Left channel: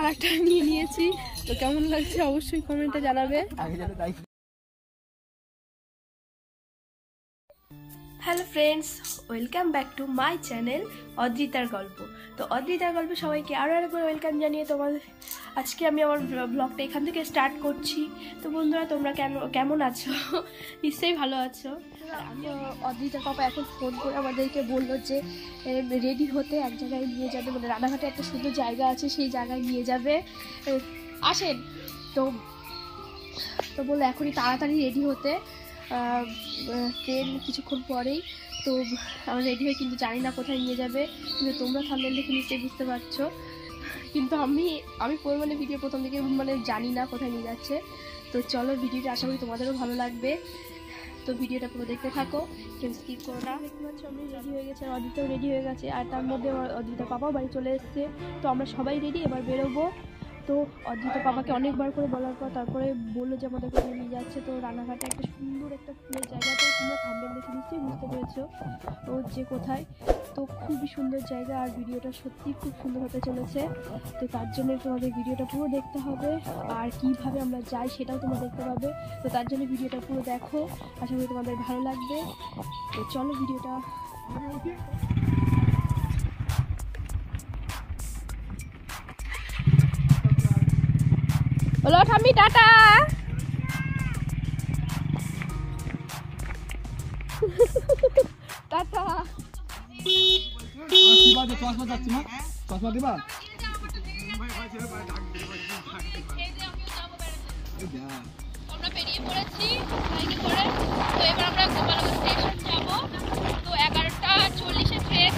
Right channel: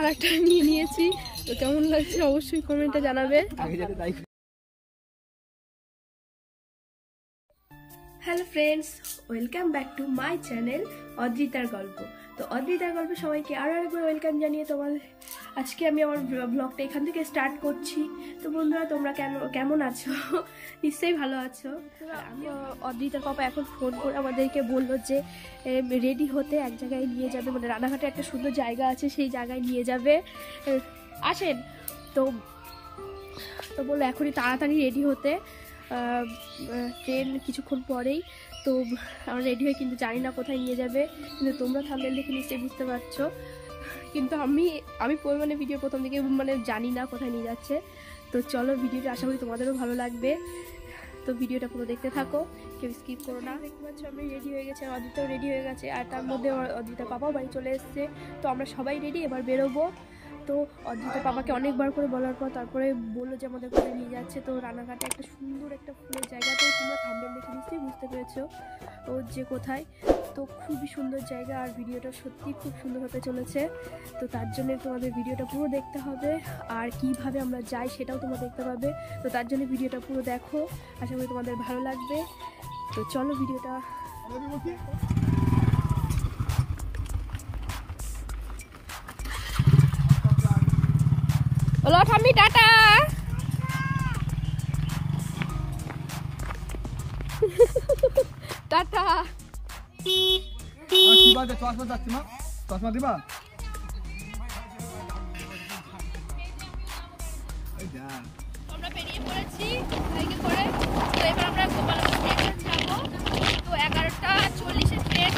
আরেকটা নিয়ে নিয়েছি, তো কেমন লাগছে অবশ্যই কমেন্টে জানাবে। Hello friends, welcome back to my channel অদ্রিতার গল্প। তো অদ্রিতার গল্পে সবাইকে আরও একবার ওয়েলকাম জানিয়ে তোমাদের আজকে আমি আমার ব্লগটা এখান থেকে স্টার্ট করছি। তো বন্ধুরা, তোমরা কেমন আছো? নিশ্চয়ই ভালো আছো। আর আমি অদ্রিতার পাপা এখন ফোন করে আমাদেরকে বললো যে রেডি হতে এক জায়গায় নিয়ে যাবে, মানে রানাঘাটে একটা সুন্দর জায়গা আছে, সেই জায়গায় নিয়ে যাবে, আসেন। তো বললো এখনই তাড়াতাড়ি রেডি হতে, ট্রেন কিছুক্ষণ পরেই। তো আমরা রেডি হয়ে কিন্তু জানি না কোথায় নিয়ে যাবে, কিন্তু তোমরা থাম্বনেল দেখে নিশ্চয়ই বুঝতে পারছো। কিন্তু আমি পরিমাণে ভিডিও প্রথম দিকে মানে জানি না কোথায় নিয়ে যাচ্ছে। তো চলো, ভিডিওটা আশা করি তোমাদেরও ভালো লাগবে। তো ভিডিওটা পুরো দেখতে থাকো, কেউ স্কিপ করো না। দেখতে পাচ্ছ আমি রেডি হয়ে গেছি, অদ্রিতাও রেডি হয়ে গেছে, আর তার মধ্যে অদ্রিতার পাপাও বাড়ি চলে এসছে। তো আমরা সবাই রেডি, এবার বেরোবো। তো অদ্রিতা পাপাকে অনেকবার করে বলার পর তারপরে বললো যে আমাদের কোথায় নিয়ে যাচ্ছে। তো রানাঘাটে একটা সুন্দর একটা ফুলের জায়গা, তো তোমরা থাম্বনেল দেখে নিশ্চয়ই বুঝতে পেরেছো ও যে কোথায়। তো খুবই সুন্দর জায়গা, আর ভিডিওটা সত্যি খুব সুন্দর হতে চলেছে। তো তার জন্য তোমাদের ভিডিওটা পুরো দেখতে হবে, আর কিভাবে আমরা যাই সেটাও তোমরা দেখতে পাবে। তো তার জন্য ভিডিওটা পুরো দেখো, আশা করি তোমাদের ভালো লাগবে। তো চলো ভিডিওটা। বলো ঠাম্মি টাটা। টাটা। চশমা দিবা? আমরা বেরিয়ে পড়েছি বাইকে করে। তো এবার আমরা গোপালগঞ্জ স্টেশন যাব। তো 11:40-এর ট্রেন।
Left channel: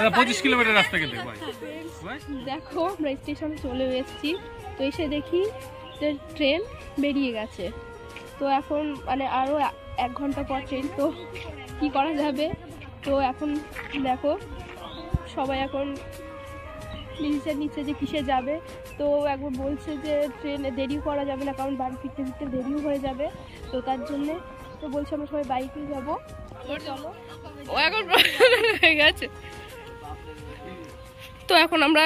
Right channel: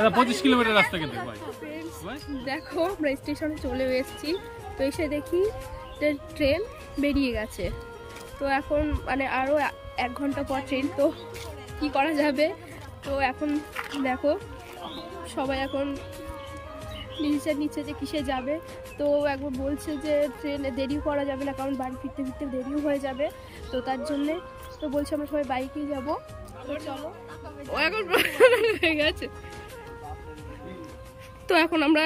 এটা 25 কিলোমিটার রাস্তা কেটে দেখো আমরা স্টেশনে চলে এসেছি। তো এসে দেখি যে ট্রেন বেরিয়ে গেছে। তো এখন মানে আরও 1 ঘন্টা পর ট্রেন, তো কি করা যাবে। তো এখন দেখো সবাই এখন নিচে যে কিসে যাবে। তো একবার বলছে যে ট্রেনে দেরিও করা যাবে না, কারণ বাড়ি ফিরতে ফিরতে দেরিও হয়ে যাবে। তো তার জন্যে তো বলছে আমরা সবাই বাইকেই যাবো। চলো, ও এখন হয়ে গেছে। তো এখন আমরা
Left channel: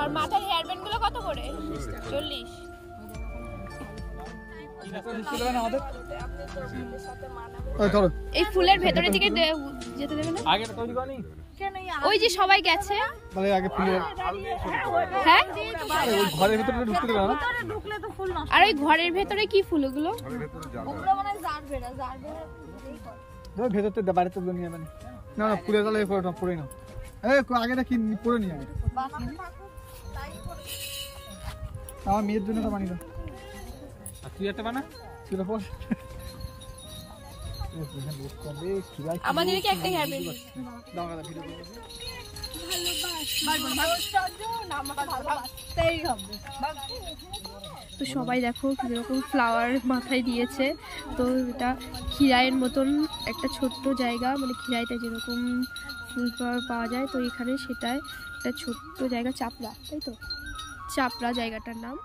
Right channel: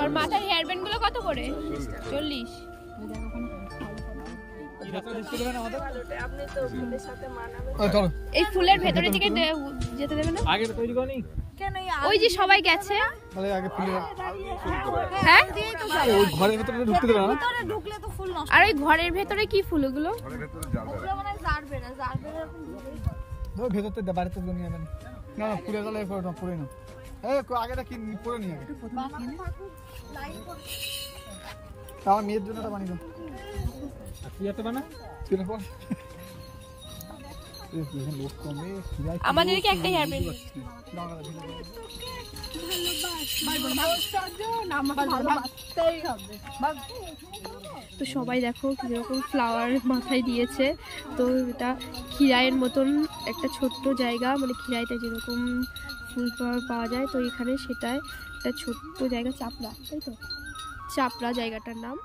আর মাথার হেয়ার ব্যান্ড গুলো কত করে? 40। এই ফুলের ভেতরে দিকে যেতে দেবে না? ওই যে সবাই গেছে। হ্যাঁ, ঘরের ভিতরে ঢুকতে দেবে না? আর ওই ঘরের ভেতরে কি ফুল ওগুলো? ভেতরতে বাড়িতে নিয়ে যাবেন না, ফুলের তলায় পড়ে না। আগেটা কি পরে নিয়ে যাবে? আমার মেয়ের জন্য বানিয়ে তুই একটা বানা, তুই না পড়। আমাদেরকে একটা হেয়ার ব্যান্ড তো সবাই দেখো কিরকম ফ্লাওয়ার মাথায় দিয়েছে। তো এটা খিরাইয়ের মতন একটা ছোট্ট জায়গা, মানে খিরাইতে যেরকম ফুল পাওয়া যায় তো এখানে সেটাই একটা ছোট্ট জায়গা, চাপড়া, তাই তো? চাপড়া জায়গাটার নাম।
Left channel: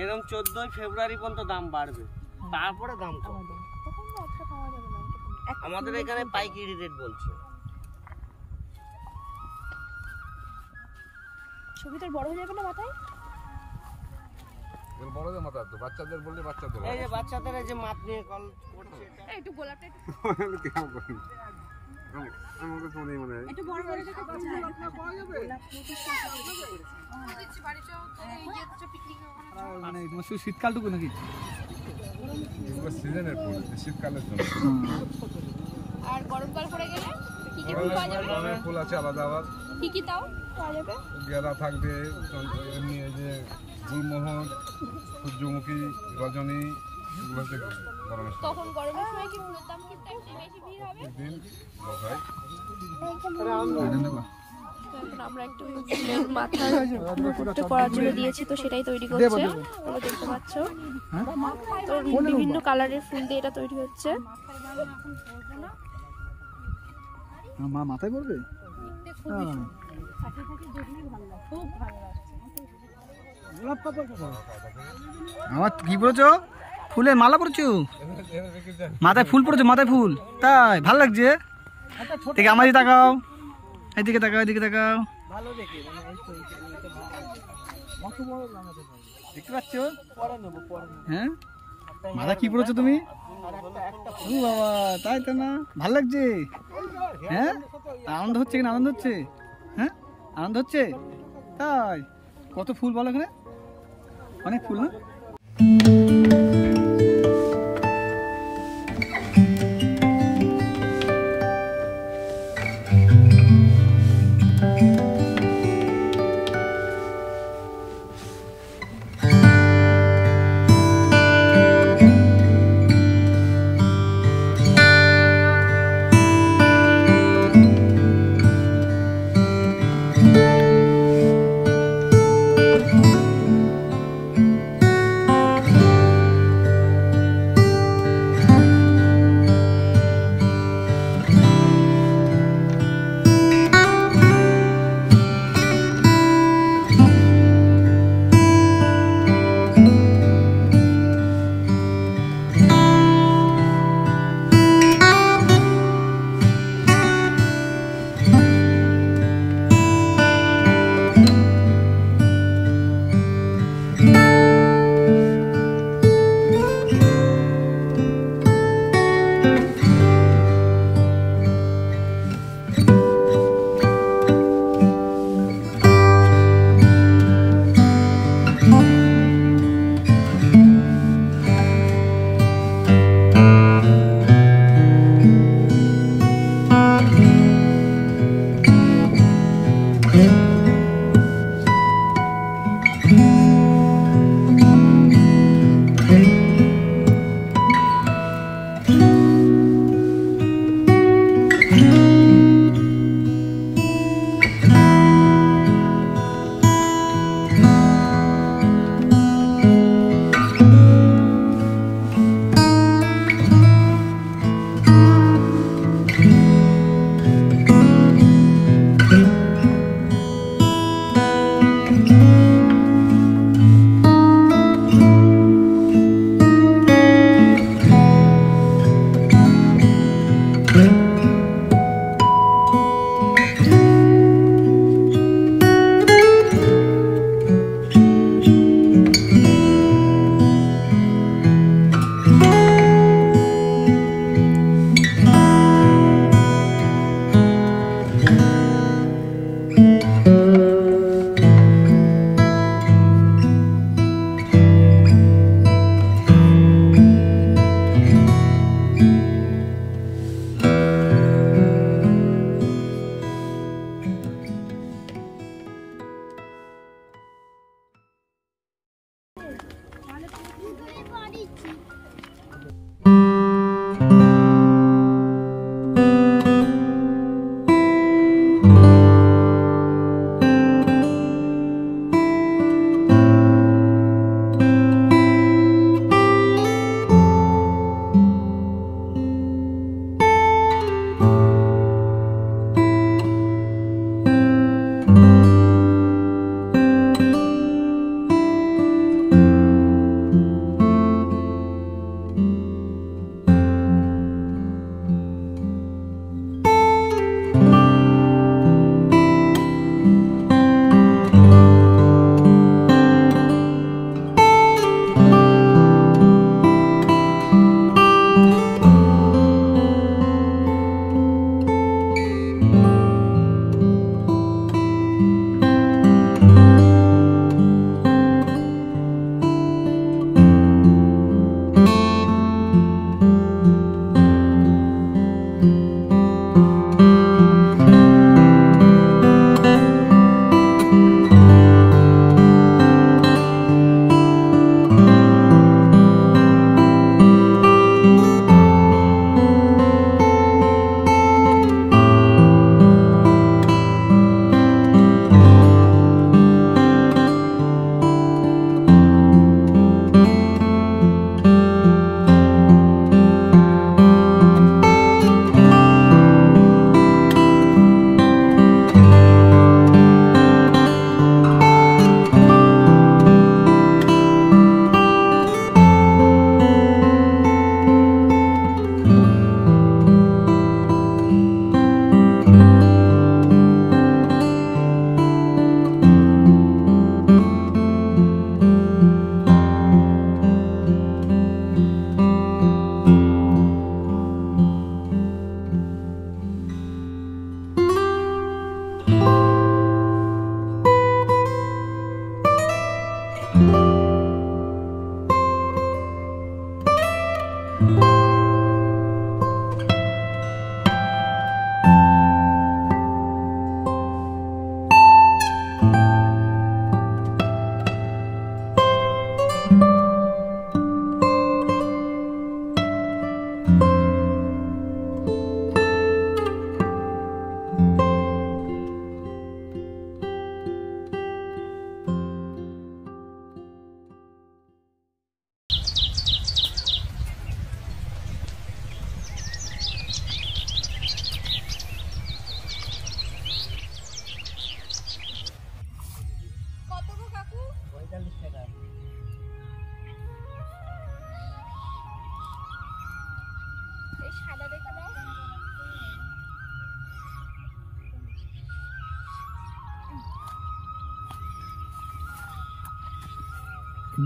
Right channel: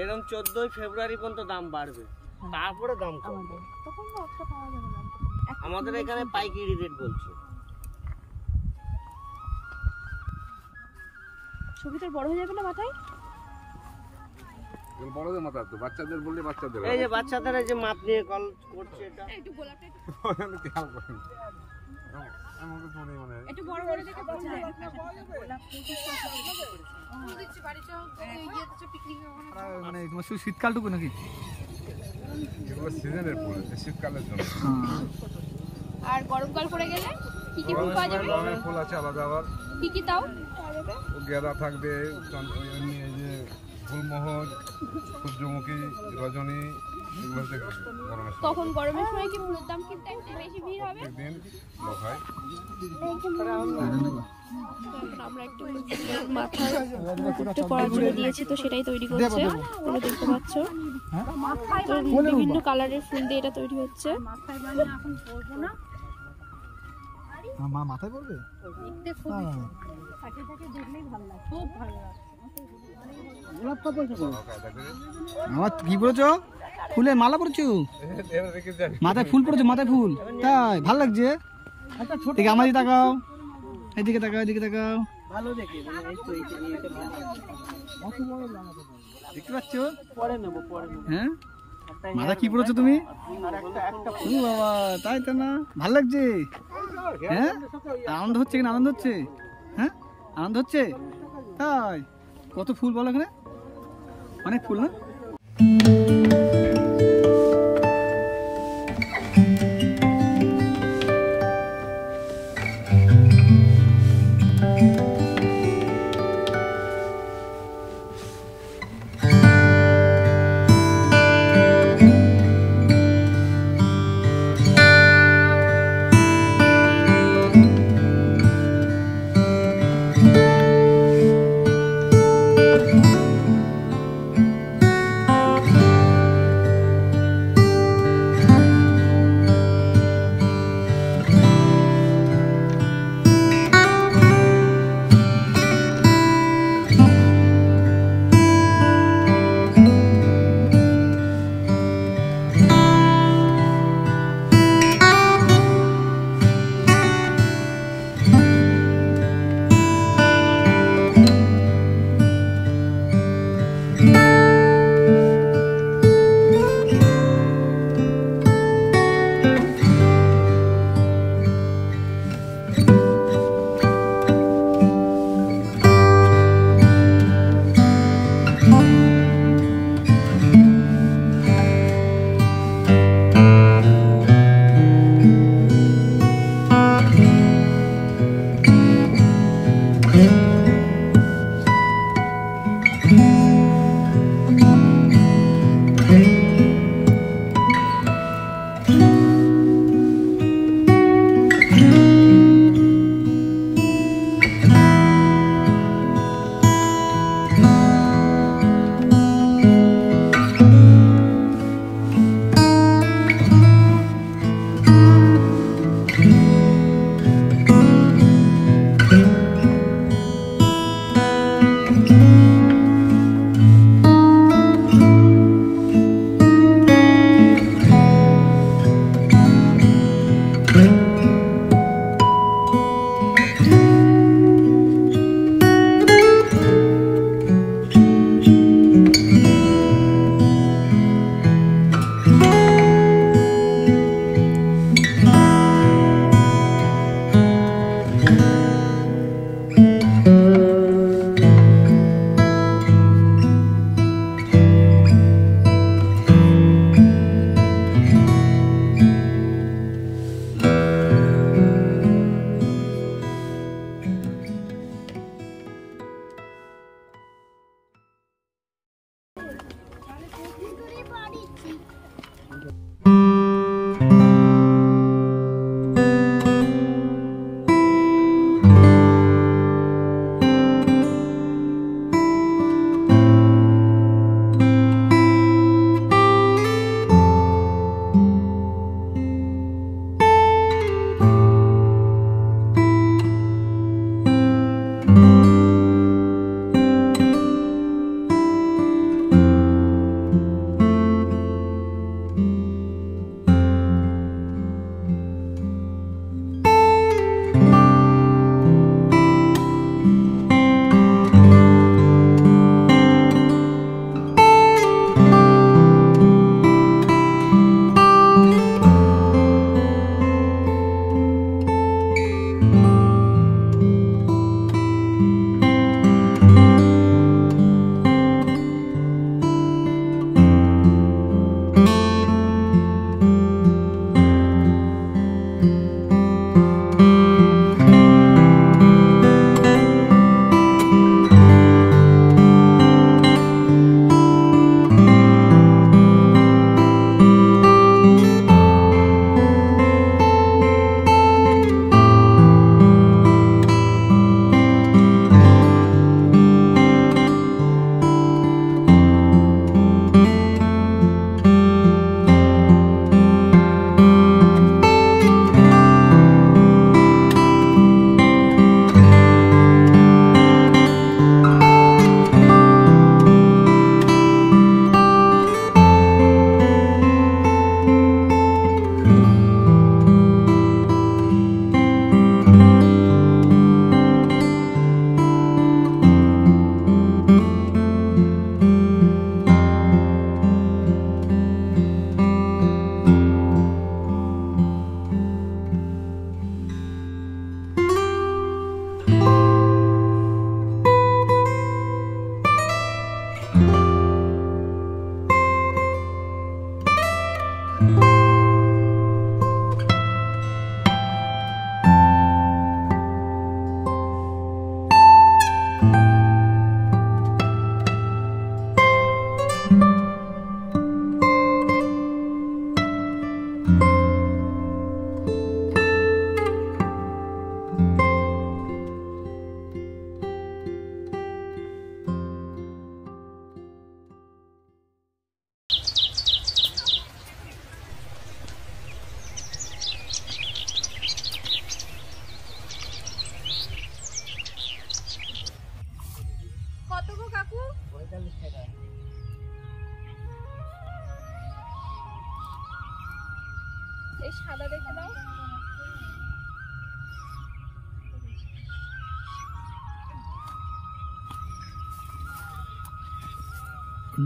এরকম 14 ফেব্রুয়ারি পর্যন্ত দাম বাড়বে, তারপরে দাম কমবে। আমাদের এখানে পাইকারি রেট বলছে। ছবিটার বড় হয়ে যাবে না মাথায়? বড়দের মাথায় তো, বাচ্চাদের বললে বাচ্চাদের। এই যে বাচ্চাদের এই যে মাপ নিয়ে কল করছে, এটা একটু গোলাপটা একটু কেমন করেন আমাকে তো মনে হয় একটু বড় বড় দেখে ফুল যায়। মানে তোমার শুধু শীতকালটুকু নাকি? এগুলো সিজনের ফুল, শীতকালের জন্য। আর গরমকাল পড়ে গেলে কি কি ফুল পাওয়া যাবে? গরমের ফুল আছে আলাদা, আবার কি কি তাও পাওয়া যাবে? গেঁদা থাকবে, এমনি এই যে ফুলমোহর, সূর্যমুখী, রজনী, এগুলো হচ্ছে গরমের সময়। তখন গরমের সময় কি ফুলের দাম কি একটু বেশি ভিড় হবে? প্রত্যেকদিন লোক হয়। তো এখন আমরা একটু ফুলের মাথার মুকুটটা পরার জন্য দিয়েছি, তো সেটাই তৈরি করছে, তোমরা দেখতে পাচ্ছ। তো বিভিন্ন কালারের ফুল দিয়ে এটা তৈরি হচ্ছে। মা মাথায় পড়বে? আমার কি পড়েছো? ফুলের মালা পড়ছো? মাথায় ফুল পড়েছো? মাথায় ফুল, তাই ভাল লাগছে। দেখে আমার দিকে তাকাও, এদিকে তাকাও, এদিকে তাকাও। দেখতে পাচ্ছ? হ্যাঁ, মাথা কি পড়েছো তুমি? ও বাবা, তাই তো না, ভাল লাগছে। হ্যাঁ, আনন্দ হচ্ছে কিনা? আনন্দ হচ্ছে? হ্যাঁ, আনন্দ হচ্ছে। তাই কত ফুল বলো এখানে? অনেক ফুল না?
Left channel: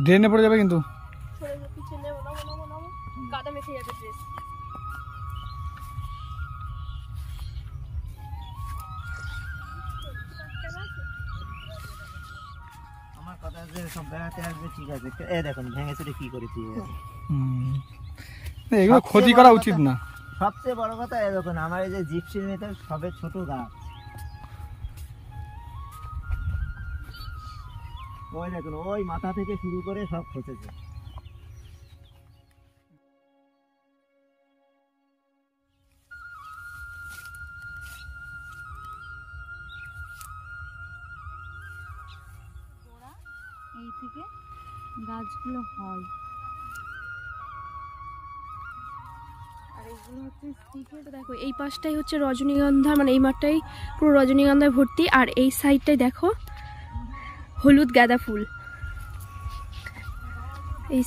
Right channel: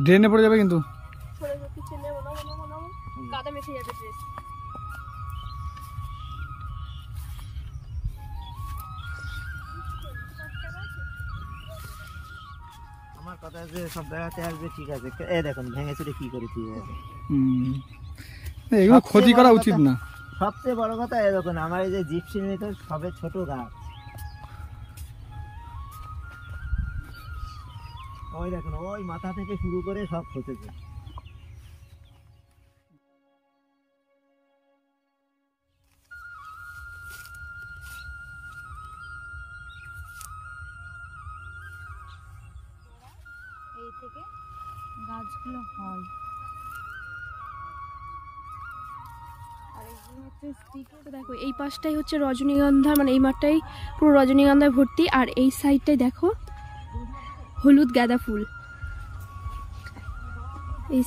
ড্রেনে পড়ে যাবে কিন্তু। কাদা মেখে যাবে ড্রেস। আমার কথা যে সব বেড়াতে আসবে ঠিক আছে, এই দেখুন ভেঙে চুরে কি করেছি। এগুলো ক্ষতি করা উচিত না। সবচেয়ে বড় কথা এই দেখুন আমার এই যে জিপসি নিতে সবে ছোট গাছ, ওই দেখুন ওই মাথা থেকে শুরু করে সব খসেছে। এই থেকে গাছগুলো হয় আর এইগুলো হচ্ছে স্টিকের। দেখো এই পাশটাই হচ্ছে রজনীগন্ধা, মানে এই মাঠটাই পুরো রজনীগন্ধায় ভর্তি, আর এই সাইডটাই দেখো হলুদ গাঁদা ফুল। এই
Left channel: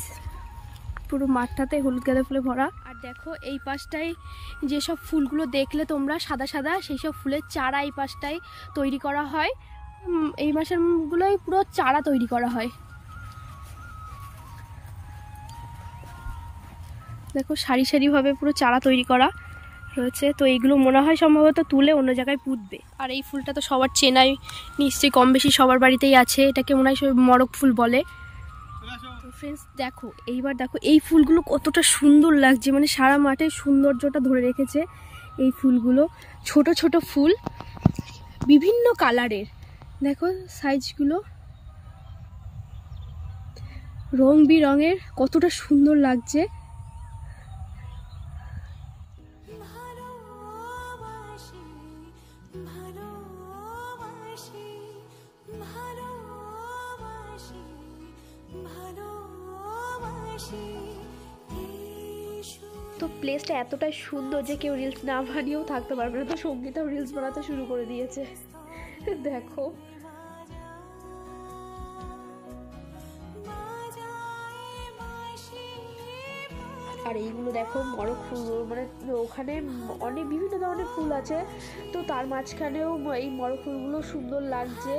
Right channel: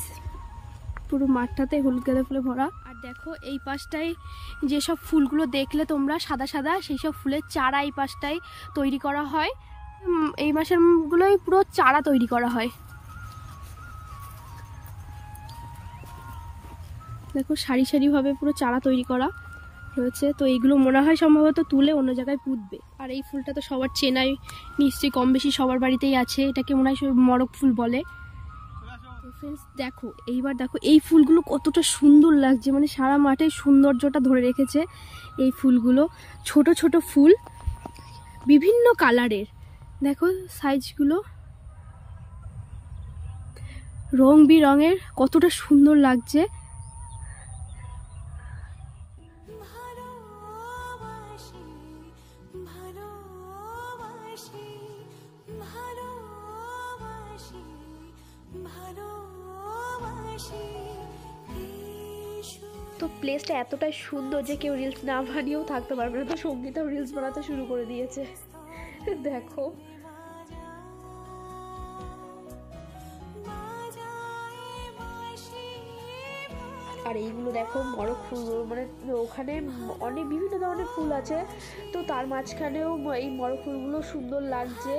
পুরো মাঠটাতে হলুদ গাঁদা ফুলে ভরা। আর দেখো এই পাশটায় যেসব ফুলগুলো দেখলে তোমরা সাদা সাদা, সেই সব ফুলের চারা এই পাশটায় তৈরি করা হয়। এই মাসের গুলোই পুরো চারা তৈরি করা হয়। দেখো সারি সারি ভাবে পুরো চারা তৈরি করা রয়েছে। তো এইগুলো মনে হয় সম্ভবত তুলে অন্য জায়গায় পুঁতবে। আর এই ফুলটা তো সবার চেনাই নিশ্চয়ই, কম বেশি সবার বাড়িতেই আছে। এটাকে মনে হয় মরক ফুল বলে। তো ফ্রেন্ডস দেখো এইবার দেখো এই ফুলগুলো কতটা সুন্দর লাগছে, মানে সারা মাঠে সৌন্দর্যটা ধরে রেখেছে এই ফুলগুলো। ছোট ছোট ফুল বিভিন্ন কালারের, দেখো সাইজগুলো রং বেরঙের, কতটা সুন্দর লাগছে। তো প্লেসটা এতটাই সুন্দর যে কেউ রিলস না বানিয়েও থাকতে পারবে না। তো সঙ্গীতাও রিলস বানাতে শুরু করে দিয়েছে দেখো। আর এইগুলো দেখো মরক ফুল, মানে ওখানে অনেক বিভিন্ন ধরনের ফুল আছে, তো তার মাঝখানেও এই মরক ফুলগুলো সুন্দর লাগছে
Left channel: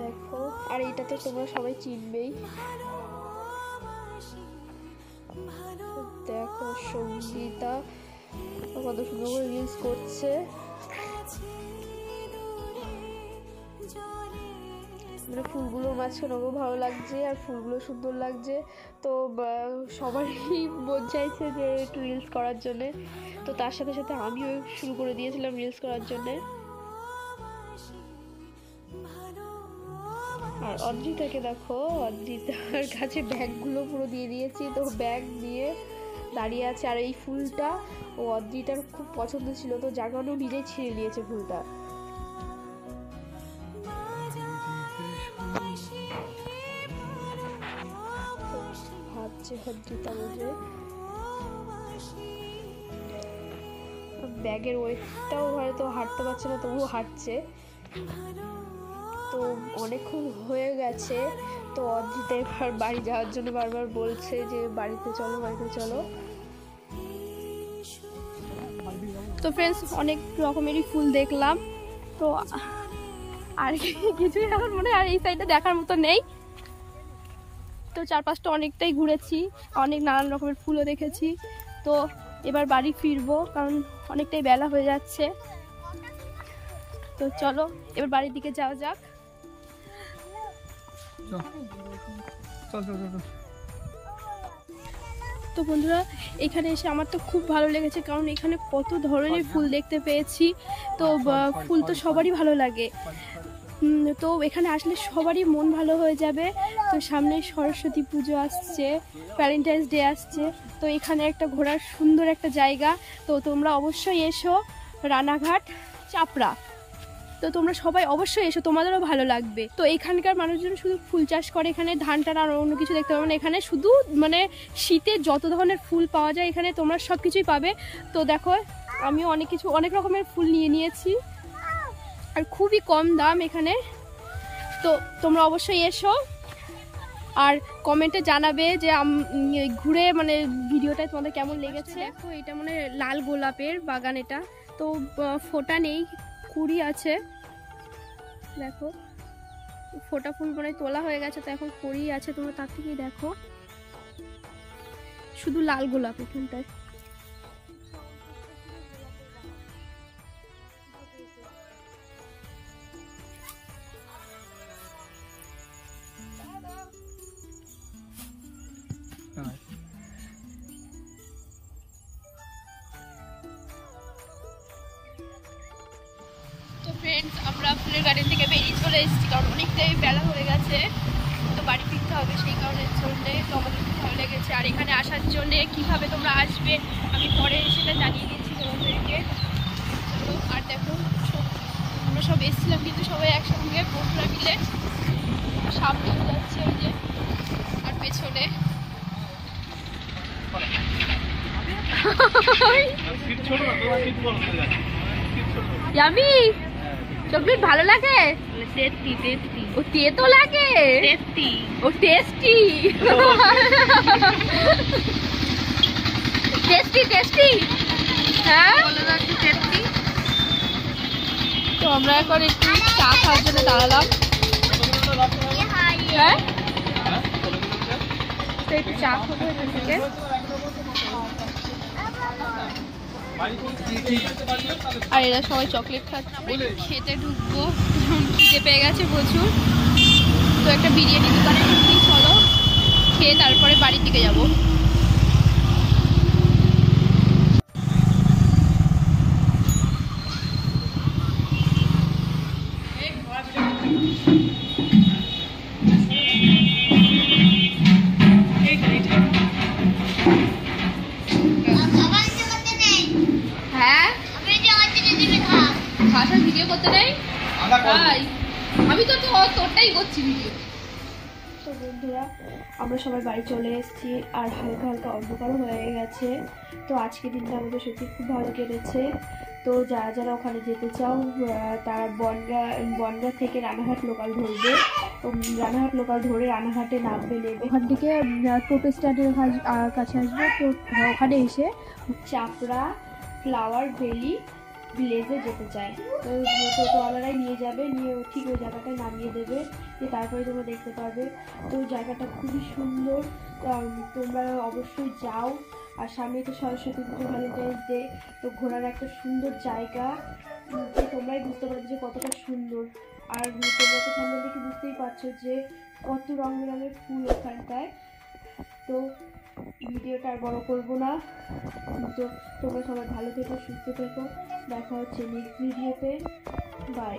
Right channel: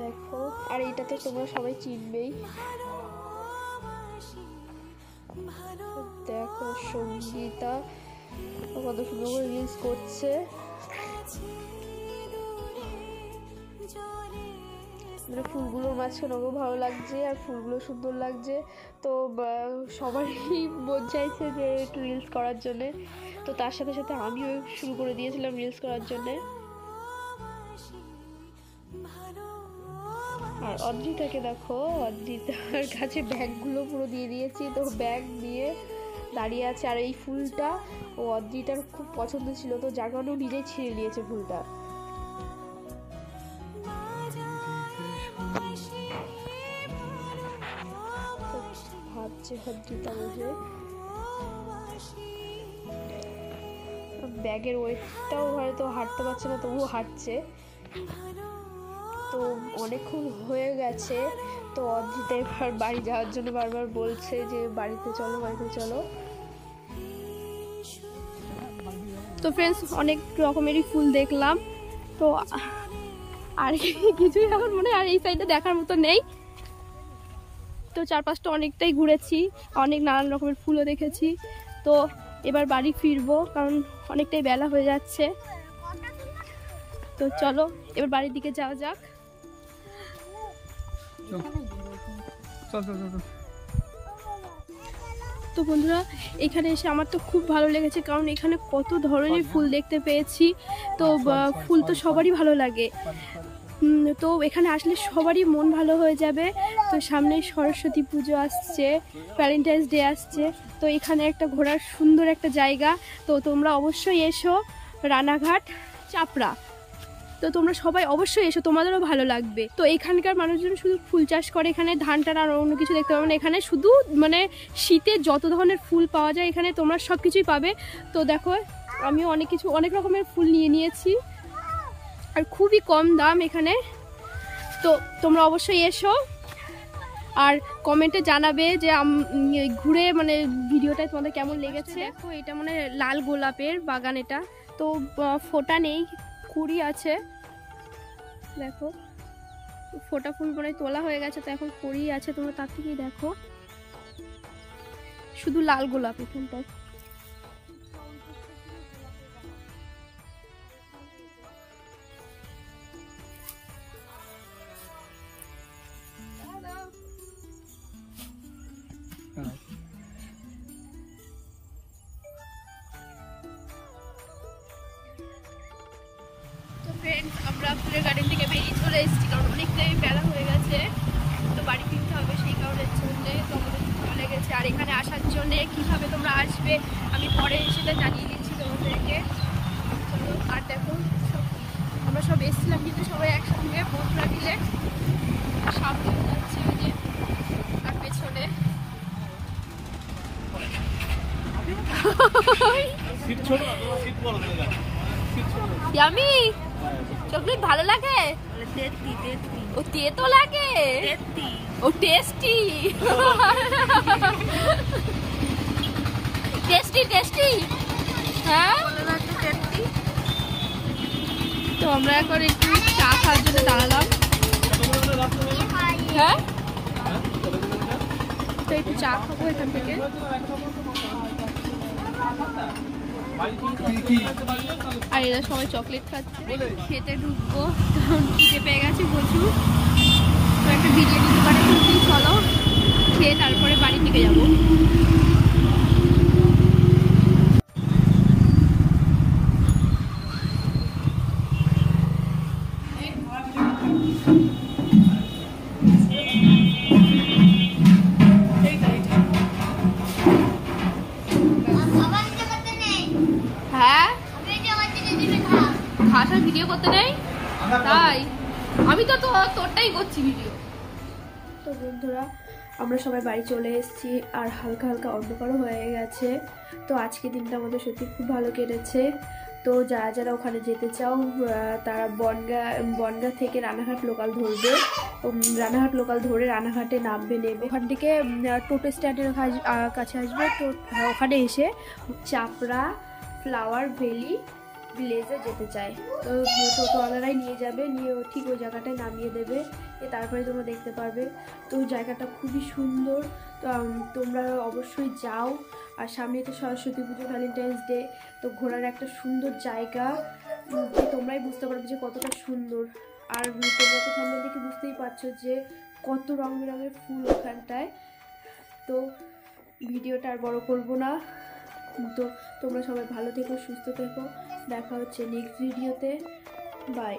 দেখো। আর এইটা তো তোমরা সবাই চিনবেই। দেখো সঙ্গীতা কত সুন্দর করে রিলস করছে। মানে ফুলগুলো মাঝখানেও ভালো লাগছে আর ফুলগুলো সুন্দর লাগছে। তো সবারই মন চাইছে যে একটু রিলস করার জন্যে, তো তার সাথে সাথে আমিও শুরু করে দিয়েছিলাম রিলস করার জন্যে। আর অদ্রিতাকে দেখো, অদ্রিতার কাছে ব্যাগগুলো পুরো দিয়ে দিয়েছি, তো ব্যাগ দিয়ে দাঁড়িয়ে আছে। আর এই ফুলটা ও অদ্রিতার খুব পছন্দ ছিল, তো যার কারণে ও নিজেই ছিঁড়ে নিয়েছে ফুলটা। ভাবছে অদ্রিতা বসে, ব্যাগের ওয়েটটাও হয়তো হাঁটতে পারছে না, তবুও হাঁটছে। তো অনেকক্ষণ হয়ে গেছে, তো অদ্রিতা এবার বাড়ি যাওয়ার জন্য বারবার বলছে যে বাড়িতে চলো বাড়িতে চলো। তো ফ্রেন্ডস অনেক রকমেরই ফুল দেখলাম, তো আর কিছুই এখন মনে হয় আর এই সাইডে দেখার মতো নেই। তো চারপাশটা অনেকটাই ঘুরেছি, অনেক নানান রকমের ফুলও দেখেছি। তো এবার বাড়ি ফিরবো, কারণ অনেকটাই বেলা হয়ে যাচ্ছে। তো চলো এবার বাড়ির দিকে যাওয়া যাক। তো বন্ধুরা এখানে এসে আমার তো খুব ভালো লেগেছে, কারণ এখানে কত ধরনের ফুল দেখতে পেয়েছি। তো ফুল তো সবারই ভালো লাগে, তো এখানে আসলে সবারই মন ভালো হয়ে যাবে। তো সামনে সরস্বতী পুজো আসছে, ভ্যালেন্টাইন্স ডে আসছে, তো এখানে একটা ঘোরার সুন্দর একটা জায়গা। তো তোমরা অবশ্যই এসো রানাঘাট চাপড়া। তো তোমরা সবাই অবশ্যই এসো, তোমাদেরও ভালো লাগবে। তো এখানকার মানুষজন শুধু ফুল চাষ করে, এখানে ধান টান আর অন্য কিছু দেখতে পাবে না। এখানে শুধু মানে শীতে যত ধরনের ফুল পাওয়া যায় এখানে তোমরা সব কিছুই পাবে। তো দেখো আমিও অনেক রকমের ফুল নিয়ে নিয়েছি, আর খুবই কম দাম এখানে। তো তোমরা অবশ্যই এসো। আর কমেন্টে জানাবে যে ঘুরে মানে ভিডিওটা তোমাদের কেমন লেগেছে। দেখো এটা মানে লাল গোলাপের বাগান, এটা তো ফোটা নেই, কুড়ি আছে। দেখো ফোটা ফুল মানে তোলা হয়ে গেছে, তো এখন কুড়ি আছে। তোমরা তার থেকেই দেখো, শুধু লাল গোলাপ এখানটায়। তো ফ্রেন্ডস, আমরা ফুলের গার্ডেন থেকে বেরিয়ে চলে এসেছি, কারণ অনেকটাই বেলা হয়ে গেছে, তো বাড়ি ফিরতে হবে। সেই কারণের জন্যে তো আমাদের খুব ভালো লেগেছে। আর এখানে আসার জন্যে কীভাবে তোমরা আসবে আমি পরে সেটা জানিয়ে দিচ্ছি তোমাদেরকে। চলো, আর দেখো আমরা সব এসেছিলাম কিন্তু সবাই একসঙ্গে বন্ধুরা মিলে। সামনে যাচ্ছে ওই যে, আর পেছনে ইয়ামি চকলেট ভালো লাগে? ও তেতো লাগে? ও টেস্টি টেস্টি হ্যাঁ, তো আমরা এখন একটু চা খাওয়ার জন্য দাঁড়ালাম। হ্যাঁ, তো একটু চা খাবো এখান থেকে। আর এরা সবাই চকলেট খাচ্ছে। আমরা একটু খেতে ঢুকবো, খিদে পেয়ে গেছে প্রচুর। তো একটা বিরিয়ানি দোকানে ঢুকছি, চলো খেয়ে তারপরে বাড়ির দিকে যাবো। ভিডিও করতে নেই, আমি তো তোরটাই করছি ভিডিও। তো বন্ধুরা, আমরা সবাই বাড়ি চলে এসেছি, আর হালকা হালকা অন্ধকারও হয়ে গেছে। তো আজকে দিনটা আমাদের সত্যি খুব ভালো কেটেছে। তো যারা যারা ওখানে যেতে চাও তারা বনগা থেকে রানাঘাট লোকাল ধরবে। রানাঘাট লোকাল ধরে রানাঘাটে নামবে, নেবে ওখান থেকে টোটো স্ট্যান্ডের কাছে আসবে। তো ওখানে এসে চাপড়া ফ্লাওয়ার ভ্যালি ভিলেজে যেতে চায়, তো টোটোওয়ালারাই নিয়ে যাবে, নিয়ে ঠিক ওই জায়গাটায় নামিয়ে দেবে, তারপরে তোমরা দেখতে পারবে। তো জায়গাটা খুবই সুন্দর, তোমরা অবশ্যই যাও। আর সামনে তো সরস্বতী পুজো, ভ্যালেন্টাইন্স ডে, তো ঘোরার একটা সুন্দর জায়গা, তোমরাই বুঝতে পারবে যে কতটা সুন্দর। আর তোমরা তো সামনে দেখে বুঝতেই পারছো যে কত রং বেরঙের ফুল ওখানটায়। তো ভিডিওটা আর বড় করবো না, তো তোমরা সবাই ভালো থেকো, সুস্থ থেকো। দেখা হচ্ছে নেক্সট ভিডিওতে। বাই।